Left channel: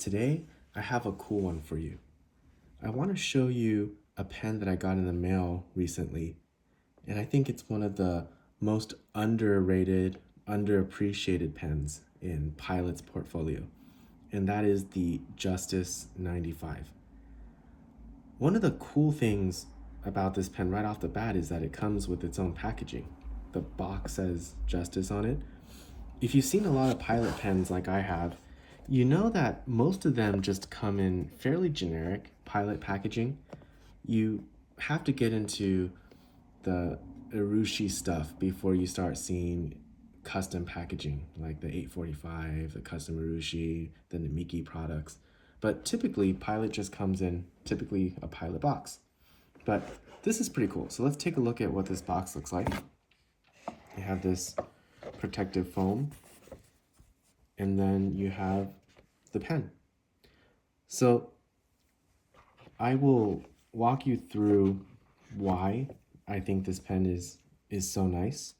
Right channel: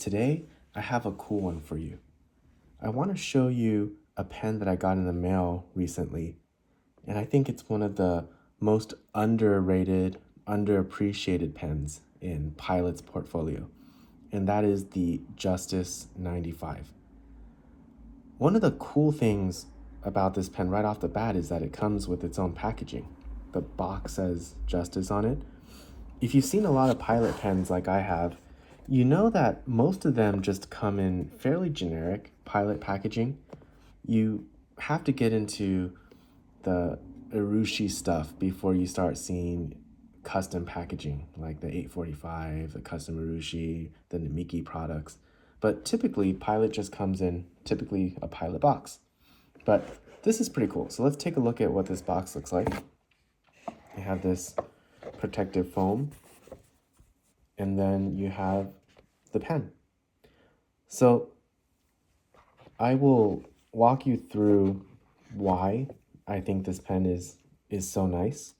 Today, I have a cool one for you. I want to show you a pen that I got in the mail recently, and I think it's one of the most underrated, underappreciated pens in Pilot's portfolio, and that is the Justus 95. One of the cool things about this pen right off the bat is that it comes with its own packaging. The box says Justus on it. If you've seen a lot of Pilot pens like I have, you know that most of them just come in fairly generic Pilot packaging. You have to get into the Urushi stuff before you start seeing custom packaging, like the 845, the custom Urushi, the Namiki products. But typically, Pilot just comes in typically a Pilot box. But this is pretty cool. So let's take a look at what this box looks like. I have this protective foam, and then you have the pen. So I will walk you through why I think this pen is so nice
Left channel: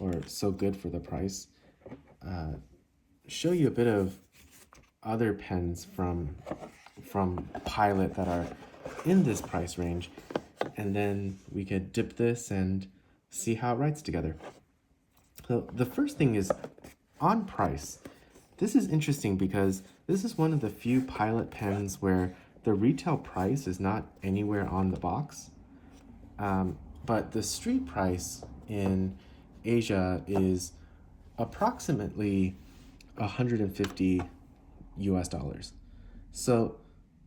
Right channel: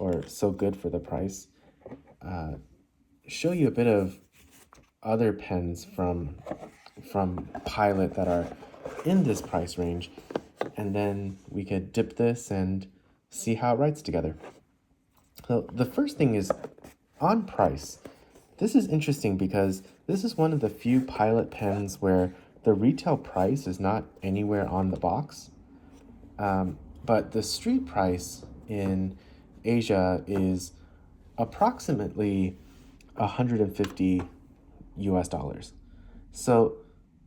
or so good for the price. Show you a bit of other pens from Pilot that are in this price range, and then we could dip this and see how it writes together. So the first thing is on price. This is interesting because this is one of the few Pilot pens where the retail price is not anywhere on the box, but the street price in Asia is approximately 150 US dollars. So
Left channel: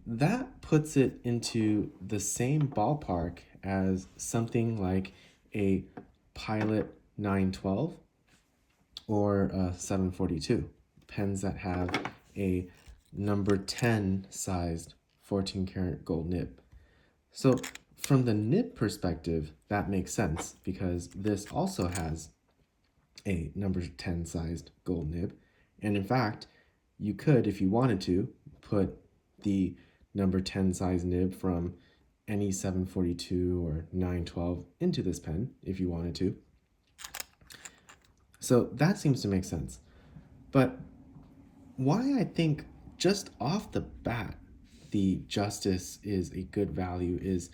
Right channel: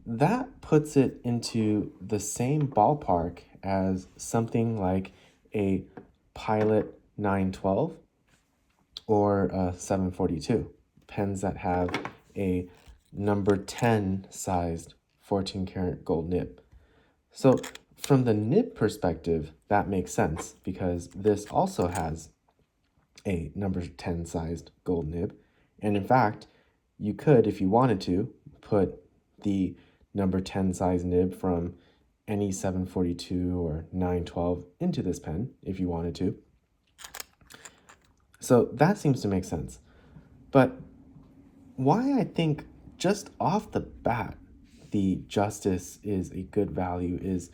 that puts it into the same ballpark as something like a Pilot 912 or a 742, pens that have a number 10 sized 14 karat gold nib. So from the nib perspective, that makes sense because this also has a number 10 sized gold nib. And in fact, you could, if you wanted to, put the number 10 size nib from any 742 or 912 into this pen if you wanted to. So that seems to make sense. But why I think just off the bat the Justus is a good value is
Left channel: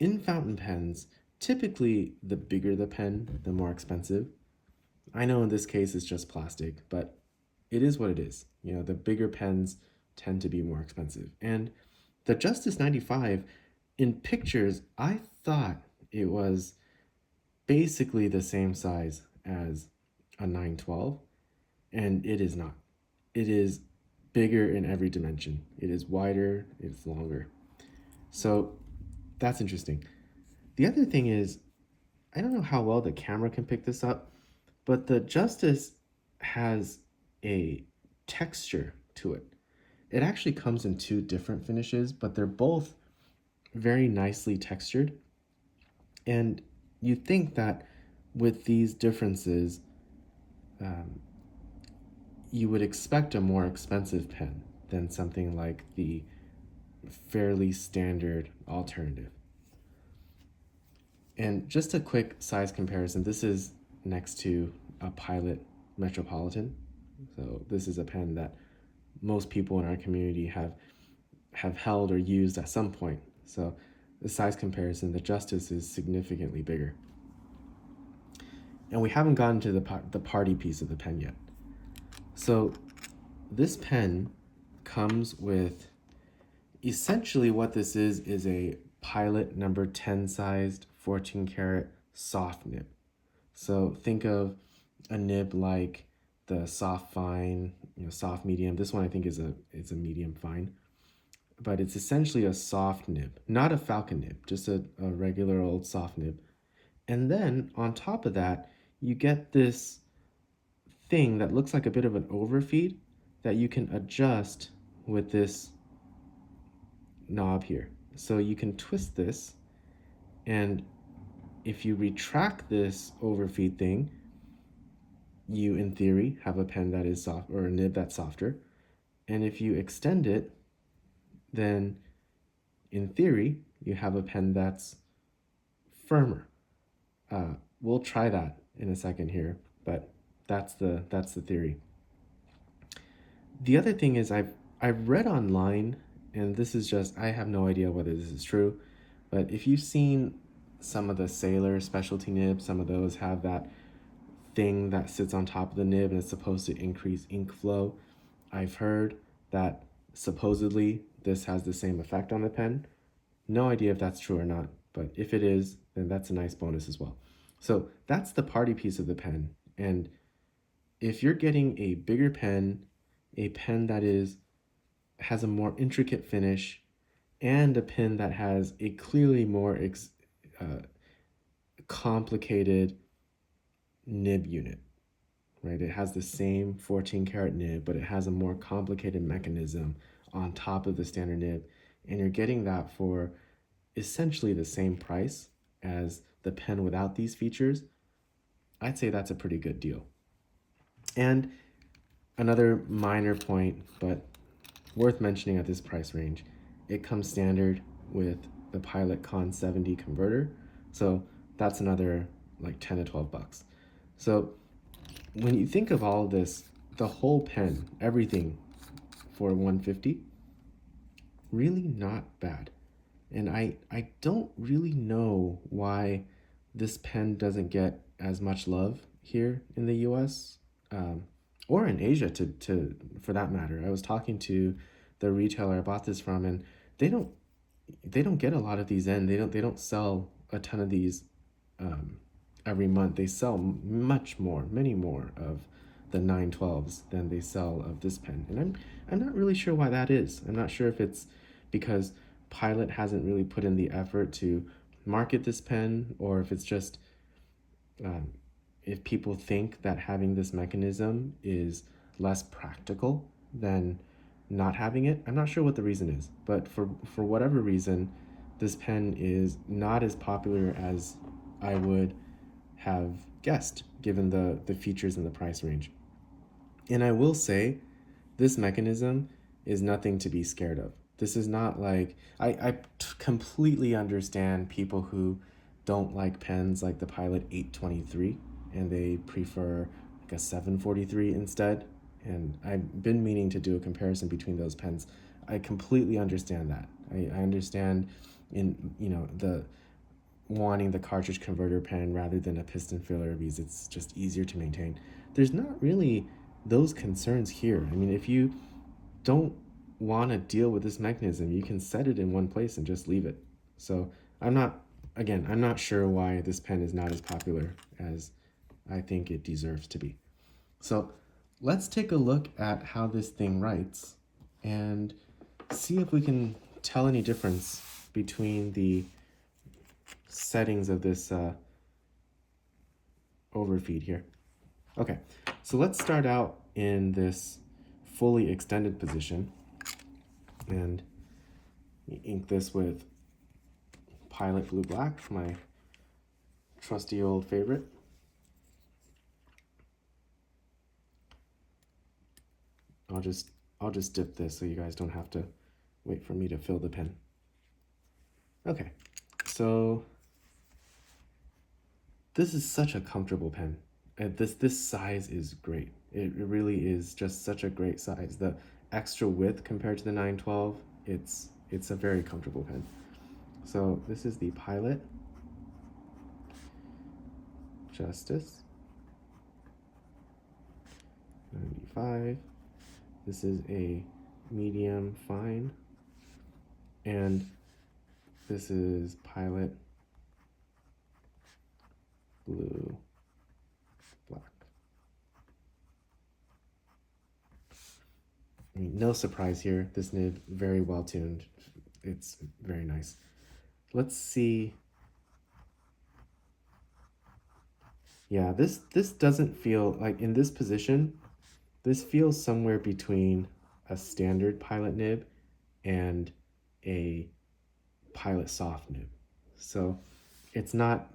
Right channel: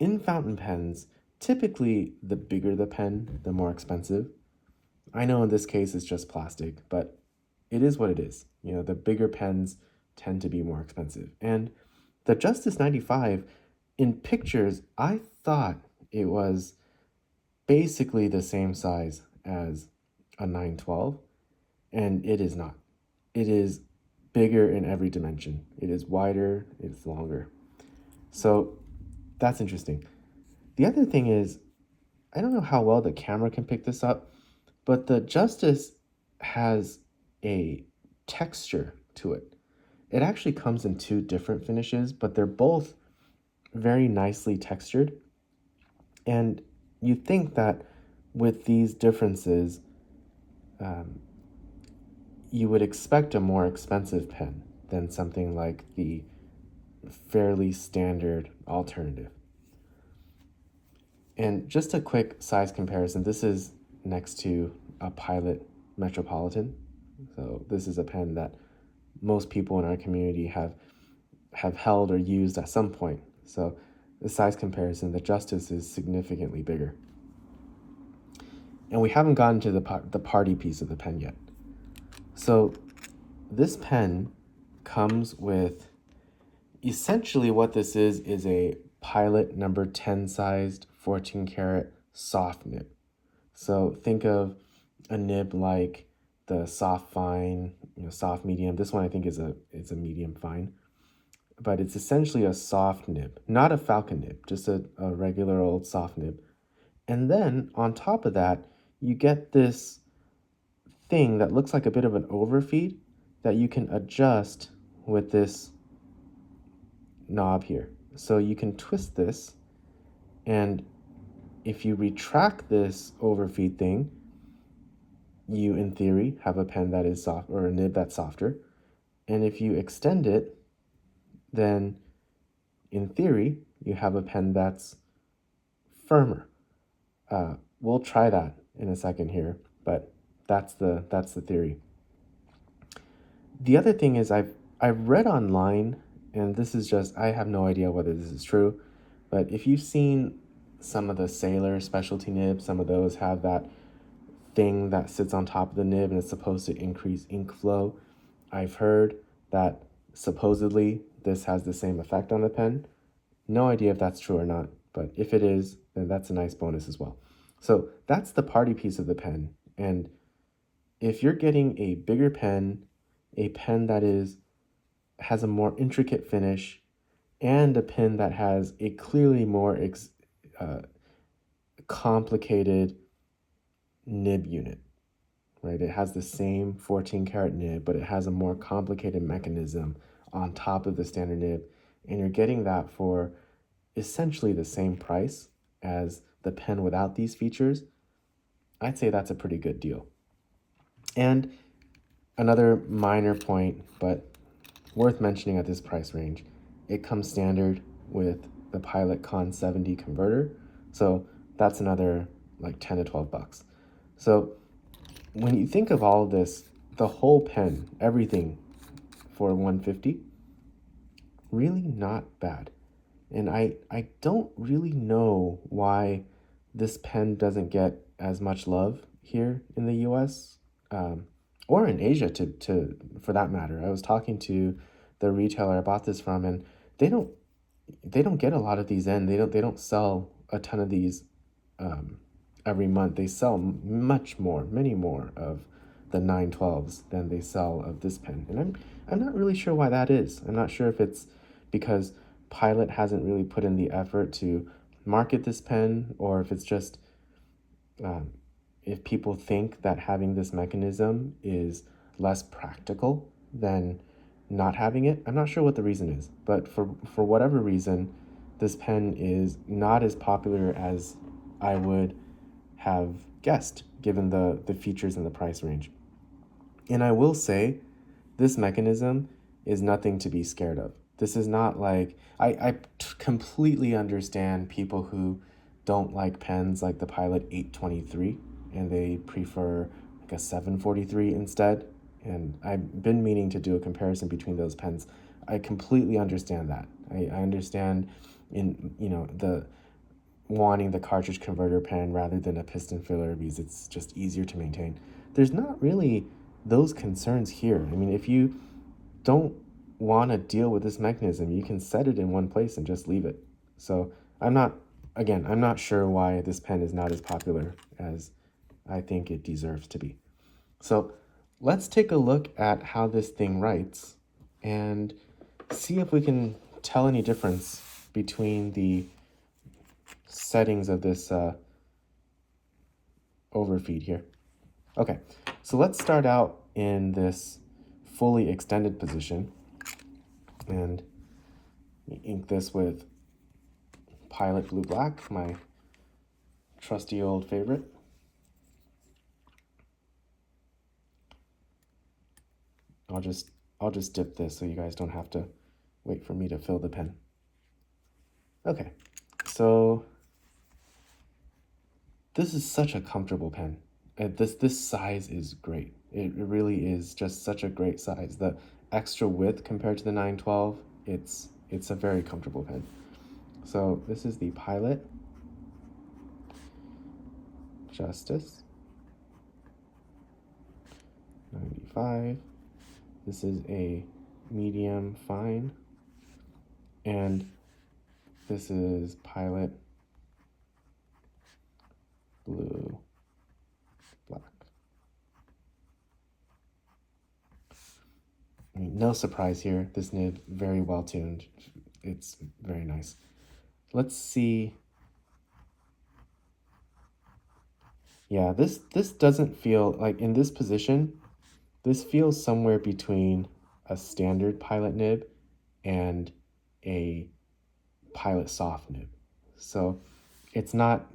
in fountain pens, typically the bigger the pen, the more expensive. I know in this case it's just plastic, but it is what it is. You know, the bigger pens tend to be more expensive. And the Justus 95, in pictures, I thought it was basically the same size as a 912, and it is not. It is bigger in every dimension. It is wider, it's longer. So that's interesting. The other thing is, I don't know how well the camera can pick this up, but the Justus has a texture to it. It actually comes in two different finishes, but they're both very nicely textured. And you think that with these differences, you would expect a more expensive pen than something like the fairly standard alternative. And just a quick size comparison, this is next to a Pilot Metropolitan. So this is a pen that most people in our community have held or used at some point. So the size comparison, the Justus is significantly bigger. And we haven't gotten to the party piece of the pen yet. So this pen comes with, essentially what this is a Pilot number 10 sized 14 karat soft nib. So think of a nib like the soft fine, soft medium. This one I think is a medium fine, but it's essentially a soft nib, not a falcon nib, just a regular old soft nib. And then on top of that, you get this thing that looks like a bit of an overfeed that you can adjust with this knob here. So you can twist this, and if you retract this overfeed thing, you in theory have a pen that is soft, or a nib that's softer. And if you extend it, then in theory you have a pen that's firmer. We'll try that in a second here, but that's the theory. The other thing is I've I've read online, and this is just, I have no idea whether this is true, but if you've seen some of the Sailor specialty nibs, some of those have that thing that sits on top of the nib and it's supposed to increase ink flow. I've heard that supposedly this has the same effect on the pen. No idea if that's true or not, but if it is, then that's a nice bonus as well. So that's the party piece of the pen. And if you're getting a bigger pen, a pen that has a more intricate finish, and a pen that has a clearly more complicated nib unit, right? It has the same 14 karat nib, but it has a more complicated mechanism on top of the standard nib, and you're getting that for essentially the same price as the pen without these features. I'd say that's a pretty good deal. And another minor point, but worth mentioning at this price range, it comes standard with the Pilot Con 70 converter, so that's another like 10 to 12 bucks. So when you think of all of this, the whole pen, everything for 150, really not bad. And I don't really know why this pen doesn't get as much love here in the US, or in Asia for that matter. I was talking to the retailer I bought this from, and they don't get a lot of these in. They don't sell a ton of these every month. They sell many more of the 912s than they sell of this pen, and I'm not really sure why that is. I'm not sure if it's because Pilot hasn't really put in the effort to market this pen, or if it's just if people think that having this mechanism is less practical than not having it. I'm not sure what the reason is, but for whatever reason, this pen is not as popular as I would have guessed, given the features and the price range. And I will say, this mechanism is nothing to be scared of. This is not like, I completely understand people who don't like pens like the Pilot 823, and they prefer like a 743 instead. And I've been meaning to do a comparison between those pens. I completely understand that. I understand the wanting the cartridge converter pen rather than a piston filler because it's just easier to maintain. There's not really those concerns here. I mean, if you don't want to deal with this mechanism, you can set it in one place and just leave it. So I'm not sure why this pen is not as popular as I think it deserves to be. So let's take a look at how this thing writes and see if we can tell any difference between the settings of this overfeed here. Okay, so let's start out in this fully extended position and ink this with Pilot Blue Black, my trusty old favorite. I'll just dip this so you guys don't have to wait for me to fill the pen. Okay, so this is such a comfortable pen. This size is great. It really is just such a great size. The extra width compared to the 912, it's a very comfortable pen. So this is the Pilot Justus 95. This is a medium fine, and this is Pilot Blue Black. I mean, no surprise here. This nib very well tuned. It's very nice. Let's see. Yeah, this doesn't feel like in this position. This feels somewhere between a standard Pilot nib and a Pilot soft nib. So it's not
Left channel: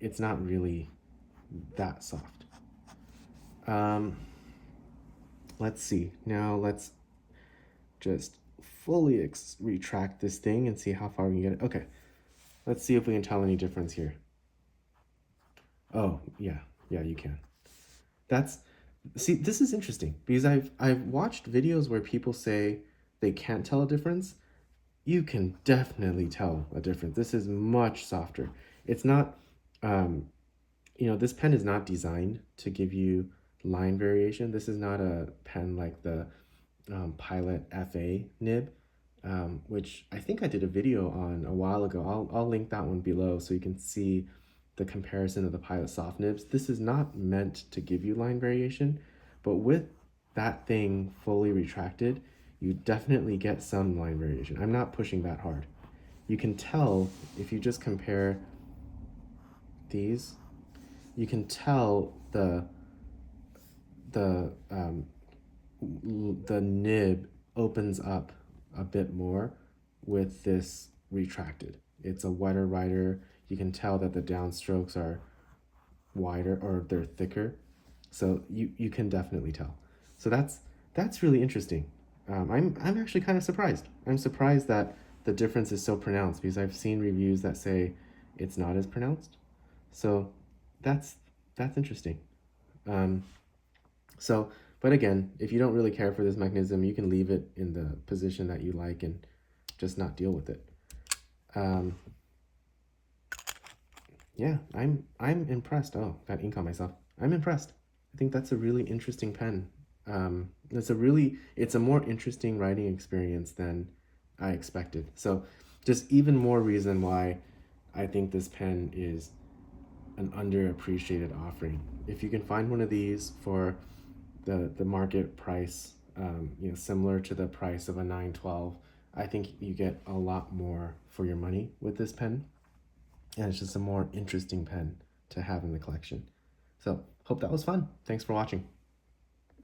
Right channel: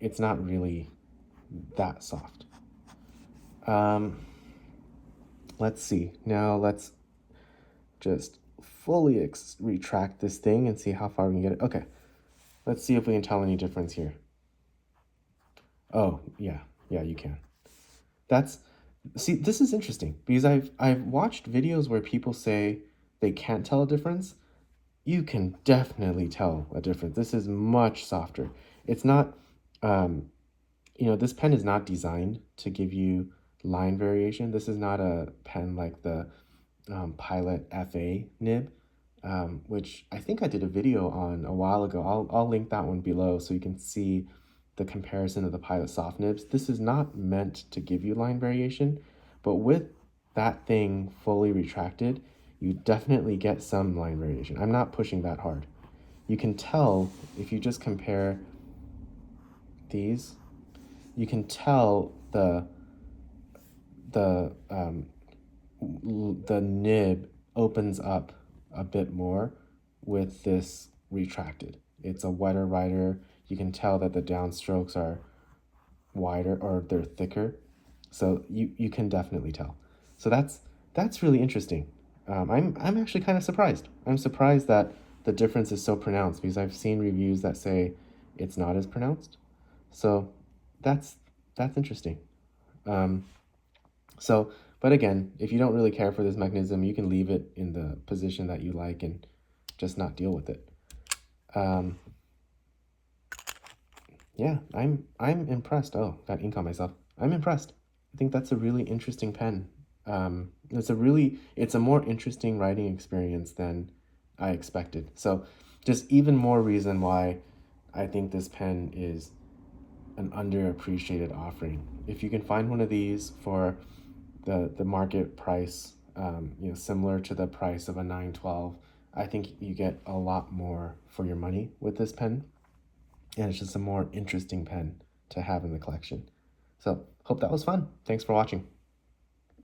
really that soft. Let's see. Now let's just fully retract this thing and see how far we can get it. Okay, let's see if we can tell any difference here. Oh, yeah, you can. See, this is interesting because I've watched videos where people say they can't tell a difference, you can definitely tell a difference. This is much softer. It's not, this pen is not designed to give you line variation. This is not a pen like the Pilot FA nib, which I think I did a video on a while ago. I'll link that one below so you can see the comparison of the Pilot soft nibs. This is not meant to give you line variation, but with that thing fully retracted, you definitely get some line variation. I'm not pushing that hard. You can tell if you just compare these, you can tell the nib opens up a bit more with this retracted. It's a wetter writer. You can tell that the downstrokes are wider, or they're thicker. So you can definitely tell. So that's really interesting. I'm actually kind of surprised. I'm surprised that the difference is so pronounced, because I've seen reviews that say it's not as pronounced. So that's interesting. But again, if you don't really care for this mechanism, you can leave it in the position that you like and just not deal with it. Yeah, I'm impressed. Oh, got ink on myself. I'm impressed. I think that's a really interesting pen. It's a more interesting writing experience than I expected. So just even more reason why I think this pen is an underappreciated offering. If you can find one of these for the market price, similar to the price of a 912, I think you get a lot more for your money with this pen, and it's just a more interesting pen to have in the collection. So hope that was fun. Thanks for watching.